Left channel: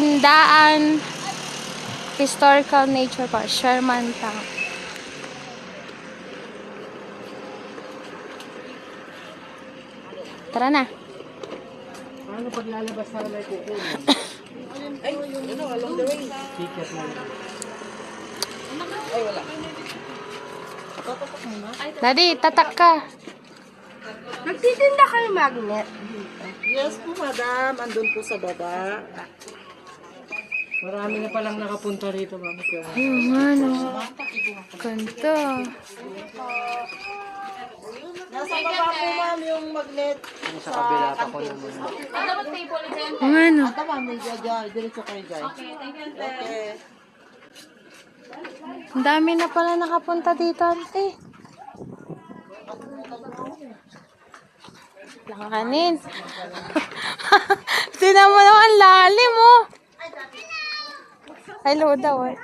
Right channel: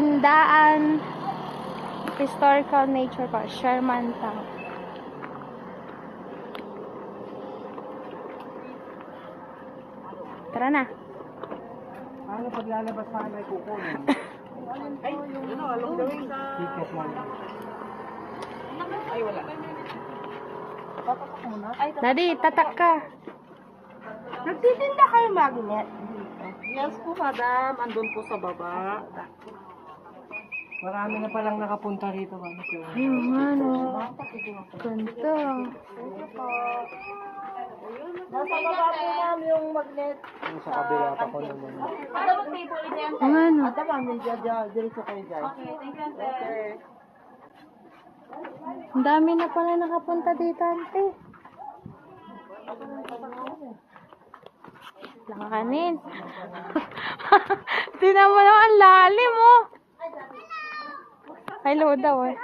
Tindaan Historical Nature Park, Sherman Town. Tara na. Paano pag lalabas na may kukunin? Ay, along the way. Ticket lang. Ay, wala. Tatak muna. Daddy, tatak ka. Nagtitinda kayo magnet? Yes po, madam. Andun po sa baba. Marami na palang nakapunta rito, ma'am. Ano? Ganito. Nasa baba po, ma'am, yung magnet. Sa kabila pa ko naman. Ano? Ata, ma'am, diretso kayo dyan. Okay, thank you. Okay. Ang dami na pala nakapunta dito, ante. Langanin. Tinan mo naman, ang lalim mo. Hello daw eh.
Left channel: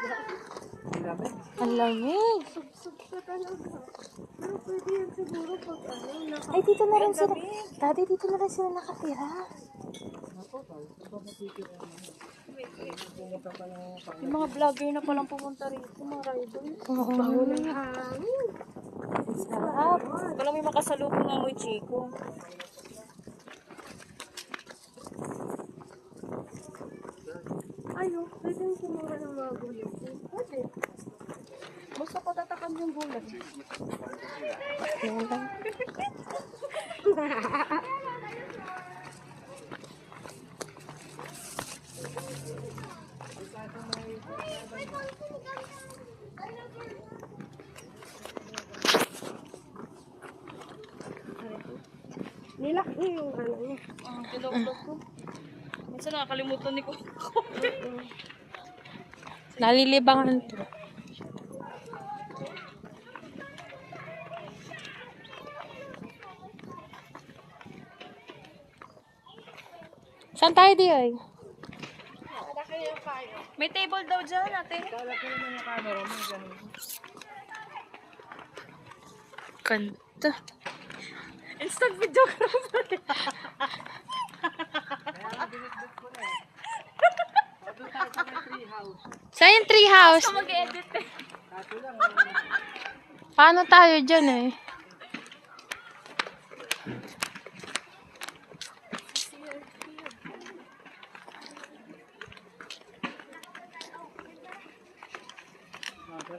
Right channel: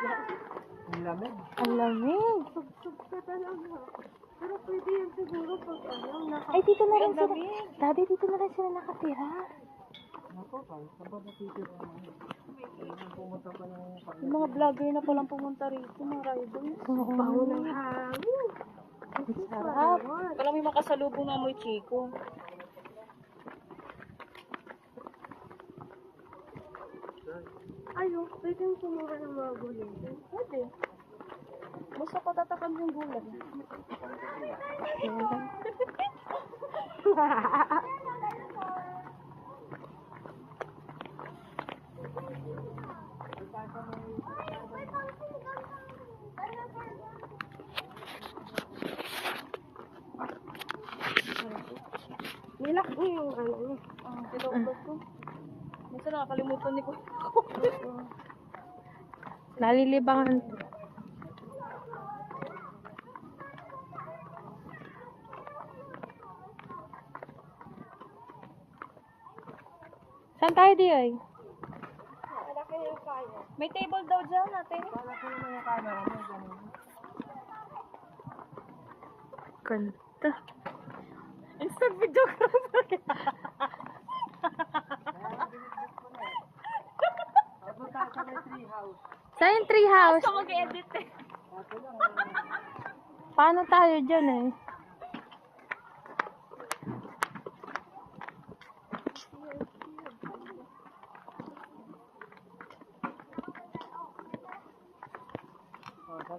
Ang lamig. Ay, dito na rin sila. Daddy, dito na rin sila nakatira. Yung mga vlogger na palang pumunta rito, mga rider. Baho ng hangin. Sarap. Walang may makasalubong ng amoy chiko. Ayun, pwede yung sumura ng mga gulay. Pwede. Basta patatakan yung gulay. Nilak mo yung ano niya. Tulog ko. Masa nakakalimutan ni ko. Nalilibangan to. Saan tayo di ay? May table daw dyan, ate. Kanta. Instant videographer. Saan yung tree house? Mag-edit eh. Paano tayo dyan eh?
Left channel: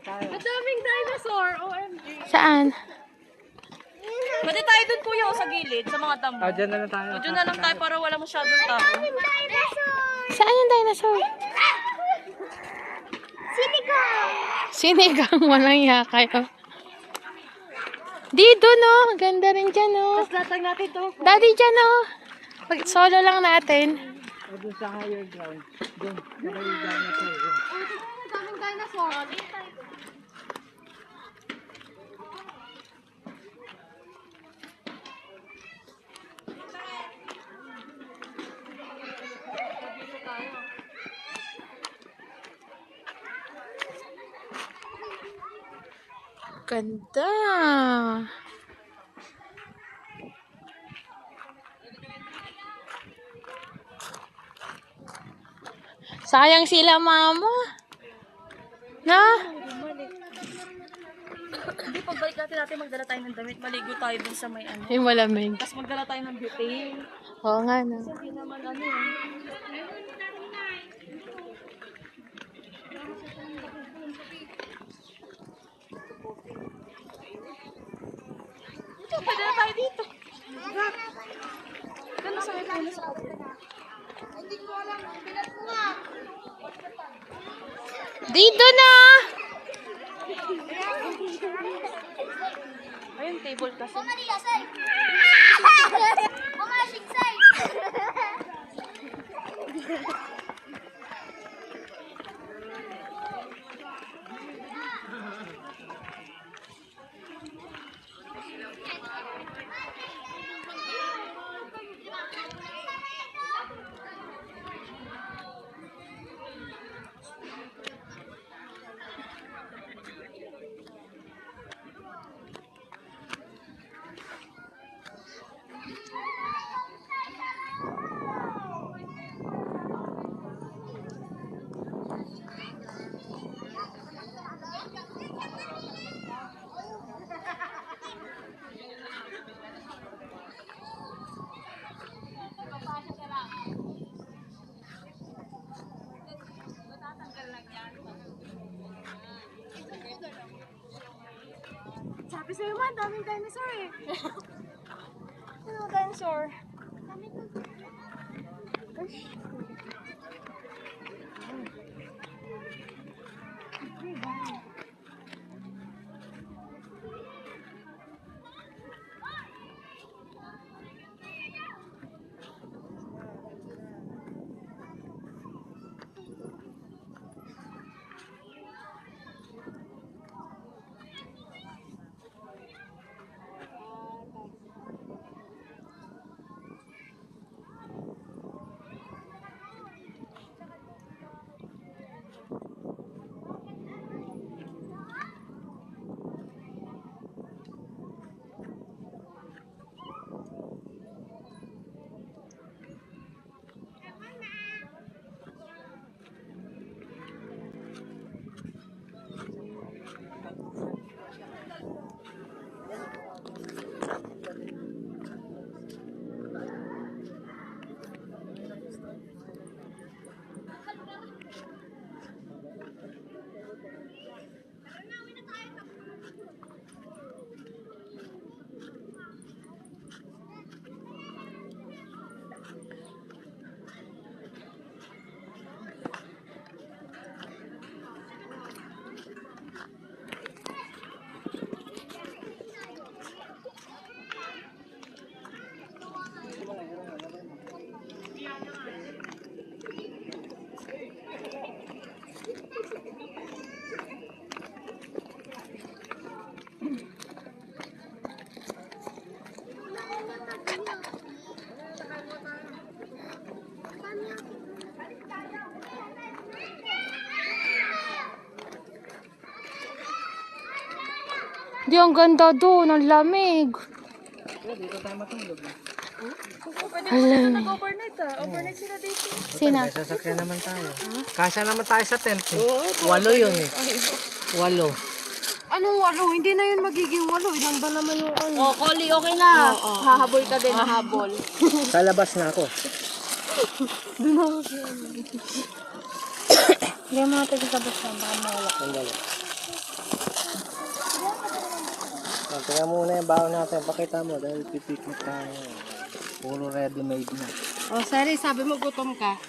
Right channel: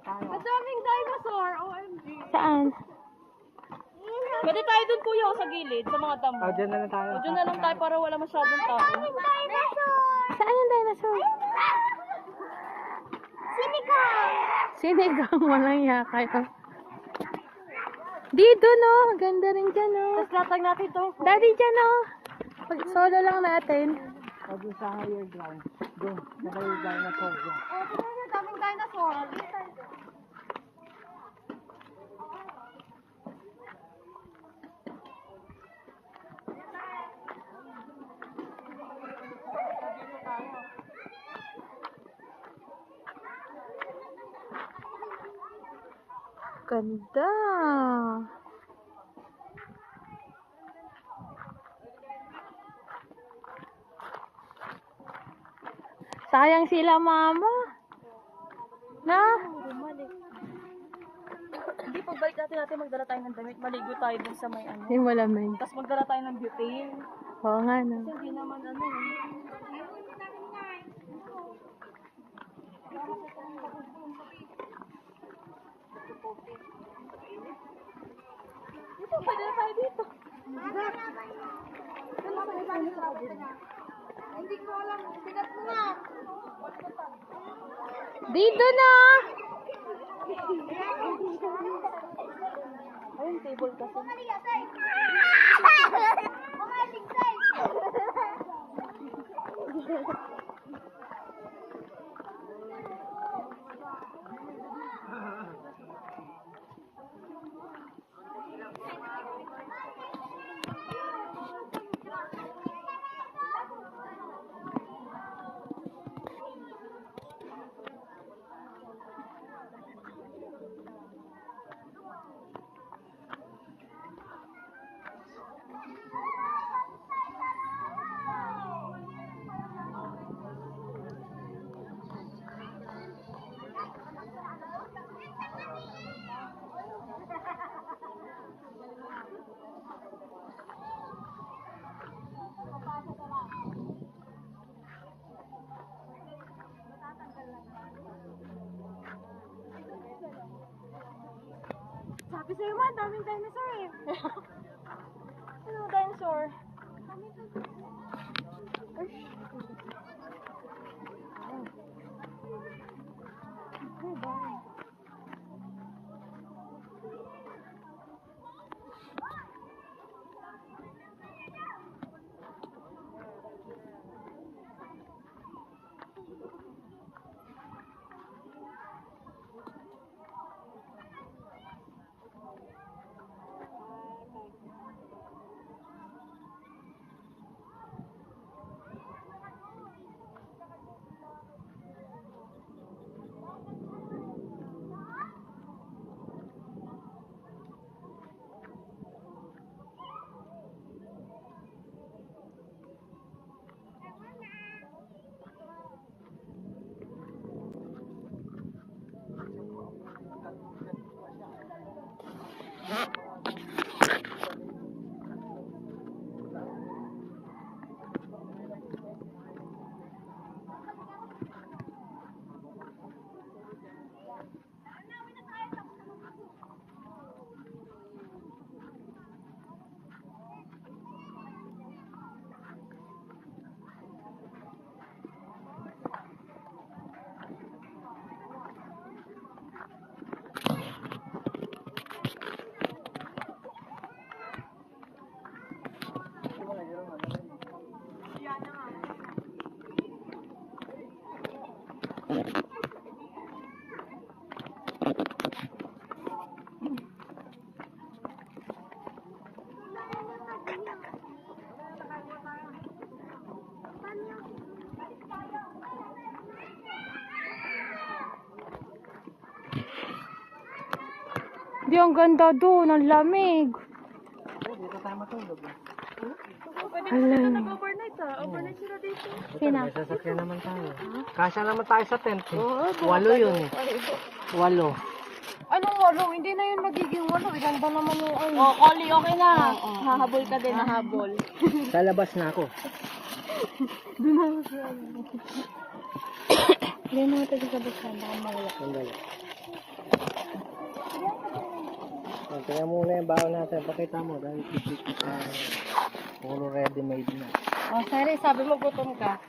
Madaming dinosaur, OMG. Saan? Pwede tayo dun kuya o sa gilid, sa mga damo. Dyan na lang tayo. O dyan na lang tayo para wala masyadong tao. Saan yung dinosaur? Sinigang! Sinigang, walang yakay. Dito no, ganda rin dyan no. Tapos latag natin to. Daddy dyan no. Solo lang natin. O doon sa higher ground. Doon. Diba yung dinosaur? Madaming dinosaur. Ganda. Sayang sila mama. Na? Hindi, pagbalik natin magdala tayo ng damit. Maligo tayo dun sa may ano. Yung malamig. Tapos magdala tayo ng butane. Oo nga no. Hindi naman ano eh. Ito, pwede na tayo dito. Gano'n sa akin sa kabila. Hindi ko alam. Bilat mo nga. Dito na. Ayun, table kasi. Mga singsay! Sabi sa'yo man, daming dinosaur eh. Ano, dinosaur? Di, ang ganda doon. Ang lamig. Dito tayo matulog. Pwede mo sila nag-overnight ah. Overnight sila dito. Sina? May sasakyan naman tayo. Kasya naman tayo sa tent eh. 8 yun eh. 8. Anong walo? Hindi na yun magiging walo. Ilan ba naman yung ano? Oh, Koli, okay na. Hahabol ka din. Hahabol. Sa labas na ako. Hindi mo natin sa bus na. Baka mawala. Sandali. Tingnan muna yung baon natin. Pakita mo dahil pipikit tayo. Puro ready-made na. Oh, sorry. Sabi mo gutom ka.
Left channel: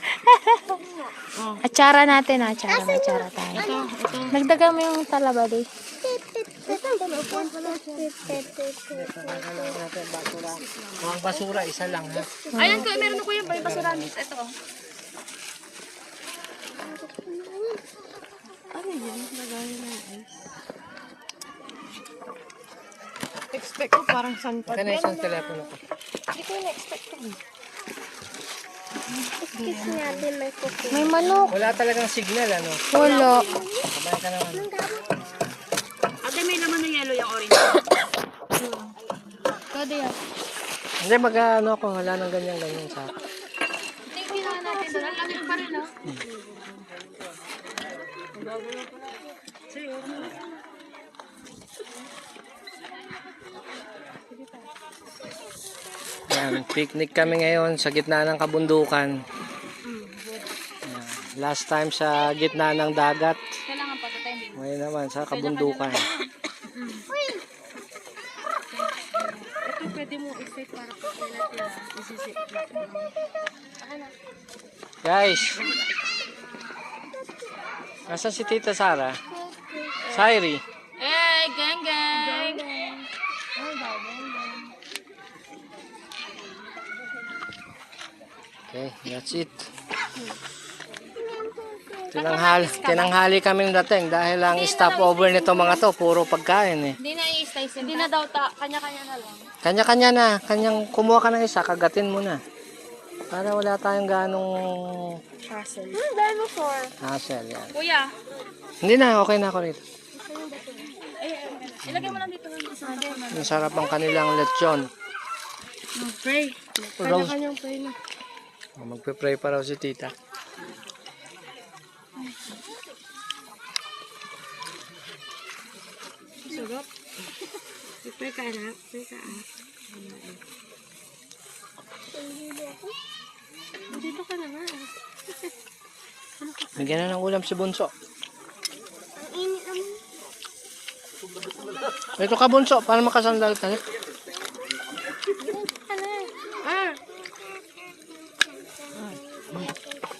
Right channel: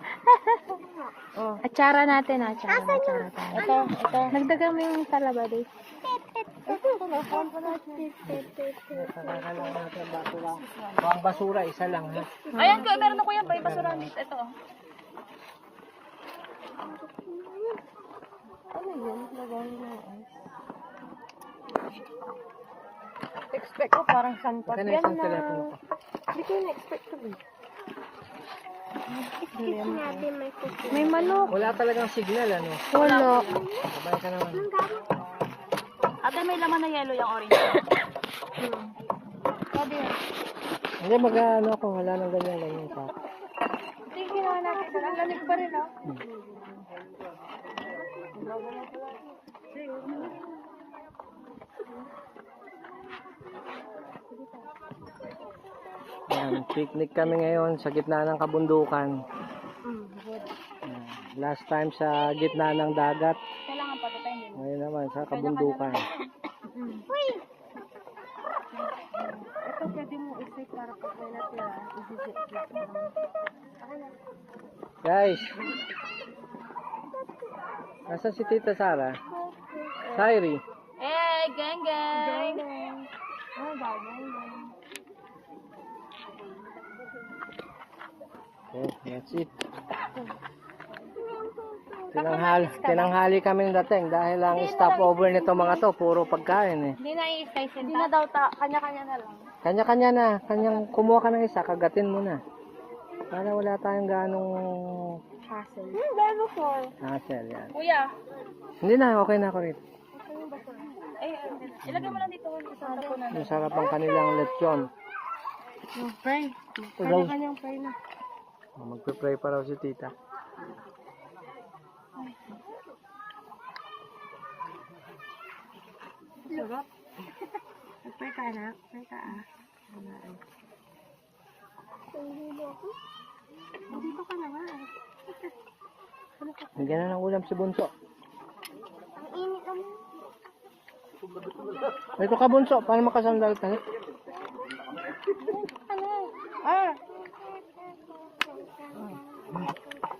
Atsara natin, atsara tayo. Nagdagan mo yung talaba, di. Ang basura, isa lang. Ayan ko, meron ako yan. May basura dito. Ito. Ano yan? Lagay na ice. Expect ko parang sunpat. Kaya na isang telepono ko. Hindi ko na-expect ko. May manok. Wala talagang signal, ano? Wala. Sabay ka naman. Ate, may laman na yellow yung orange. Pwede yan. Hindi, mag-ano ako. Wala nang ganyan-ganyan sa... Tingin na natin. Ang lamig pa rin, ha? Yan, picnic kami ngayon sa gitna ng kabundukan. Yan, last time sa gitna ng dagat. Kailangan patatayin din. Ngayon naman sa kabundukan. Ito pwede mo i-set para pag kailan nila. Isi-set lang. Guys, asan si Tita Sara? Sairi. Eh, gang gang. Okay, that's it. Tinanghali kami dating dahil ang stopover nito mga to, puro pagkain eh. Hindi na i-slice. Hindi na daw kanya-kanya na lang. Kanya-kanya na, kanyang kumuha ka ng isa, kagatin mo na. Para wala tayong ganong Hassle. Dinosaur. hassle yan. Kuya, Hindi na, okay na ako rito. ilagay mo lang dito ng isang tapo na. Ang sarap ang kanilang lechon. Pray. Rose. Kanya-kanyang pray na. Magpe-pray pa raw si Tita. Sarap. Pray ka na. Pray ka ah. Dito ka na nga. Bigyan na ng ulam si Bunso. Ang init naman. Ito ka bunso, para makasandal ka.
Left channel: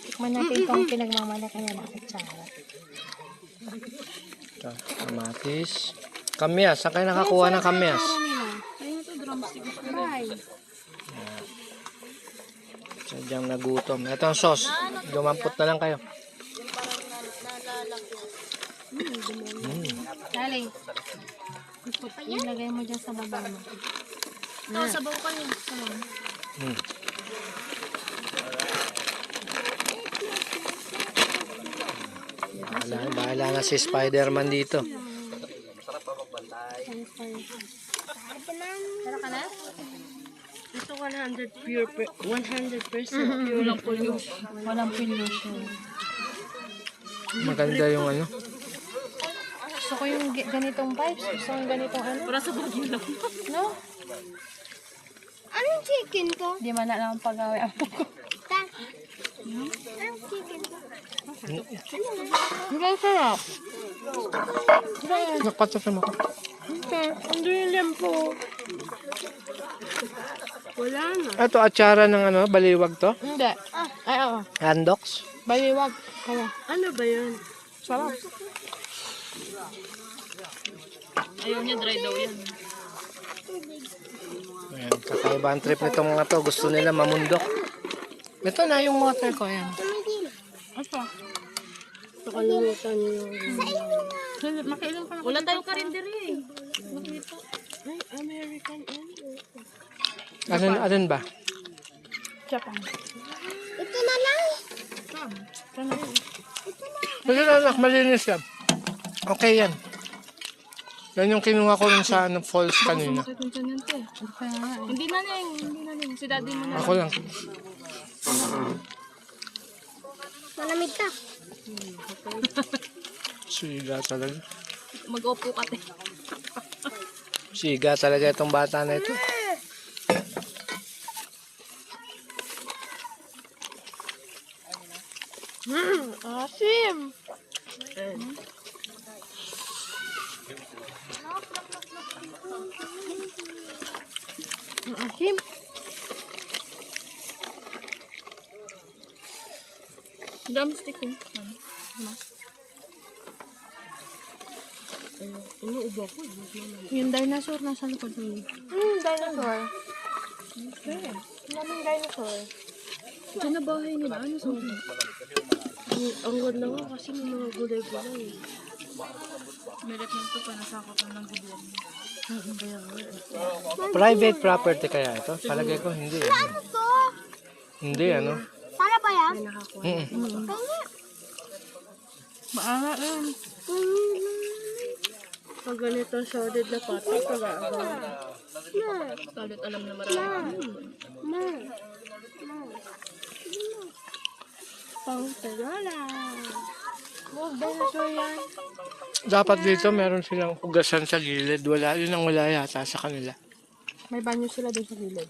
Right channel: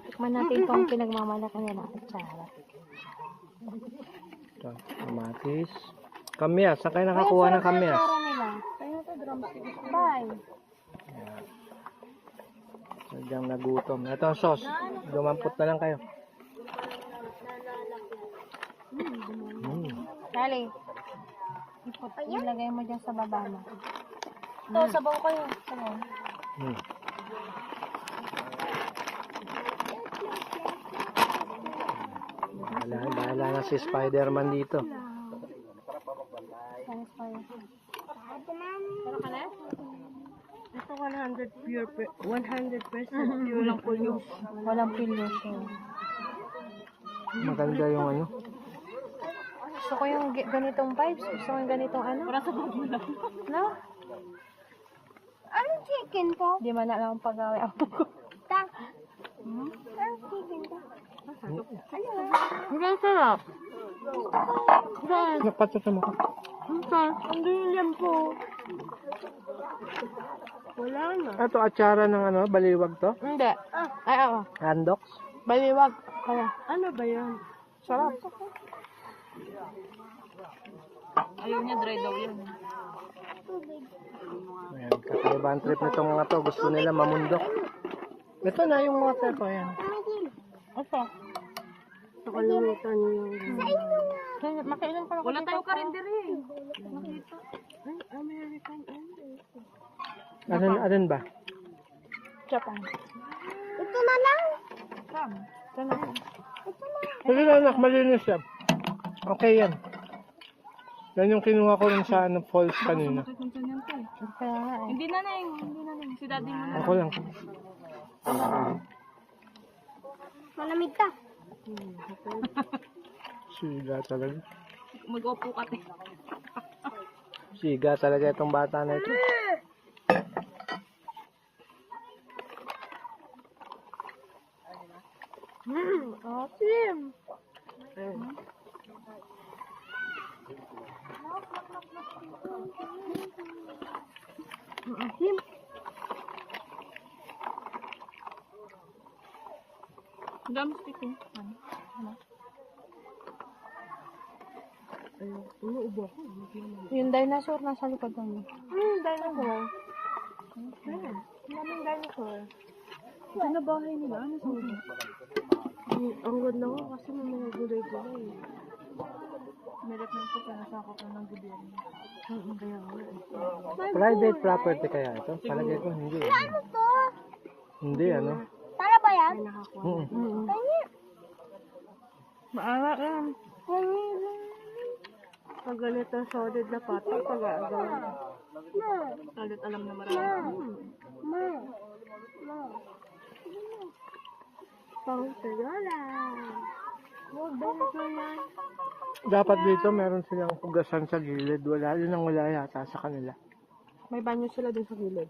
Tikman natin itong pinagmamalaki na kutsara. Ito, kamatis. Kamyas, saan kayo nakakuha ng kamyas? Ayun ito, drumstick. Bye. Sadyang nagutom. Ito ang sauce. Dumampot na lang kayo. Dali. Ilagay mo dyan sa baba mo. Ito, sabaw kayo. Sabaw. Hmm. Bahala na si Spider-Man dito. Meron ka na? Ito 100% pure. Walang pollution. Walang pollution. Maganda yung ano. Gusto ko yung ganitong vibes. Gusto ko yung ganitong ano. Para sa bagyo lang. No? Anong chicken to? Di man na lang pag-away ako ko. Anong chicken to? Ang sarap. Nakpatsasam ako. Ando yung lempo. Wala na. Ito, atsara ng ano, baliwag to. Hindi. Ay, oo. Handoks. Baliwag. Kaya. Ano ba yun? Sarap. Ayaw niya dry daw yan. Ayan, kakaiba ang trip nitong mga to. Gusto nila mamundok. Ito na yung water ko. Ayan. Ito. Nakalimutan niyo. Makailan ka na. Wala tayong karinderi eh. Ay, American Alin ba? Japan. Ito na lang. Ito na. Kasi anak, malinis yan. Okay yan. Yan yung kinuha ko rin sa ano, falls kanina. Kaya nga eh. Hindi na Neng. Hindi na Neng. Si daddy mo na. Ako lang. Malamig ka. Siga talaga. Mag-opo ka te. Siga talaga itong bata na ito. Asim. Asim. Drumstick eh. Inuubo ako. Yung dinosaur nasa likod na yun. Dinosaur? Okay. Daming dinosaur. Diyan na bahay nila. Ano sa ulo? Ang ganda nga kasi may mga gulay-gulay. Meron na ito pa nasakot na ng gobyerno. Private property kaya ito? Palagay ko hindi. Ano to? Hindi ano. Para ba yan? Mm. Maala yan. Pag ganito solid na pata, pag-aagaw. Kalit alam na marami. Pang-tagala. Dinosaur yan. Dapat dito meron silang hugasan sa gilid. Wala, yun ang wala yata sa kanila. May banyo sila dun sa gilid.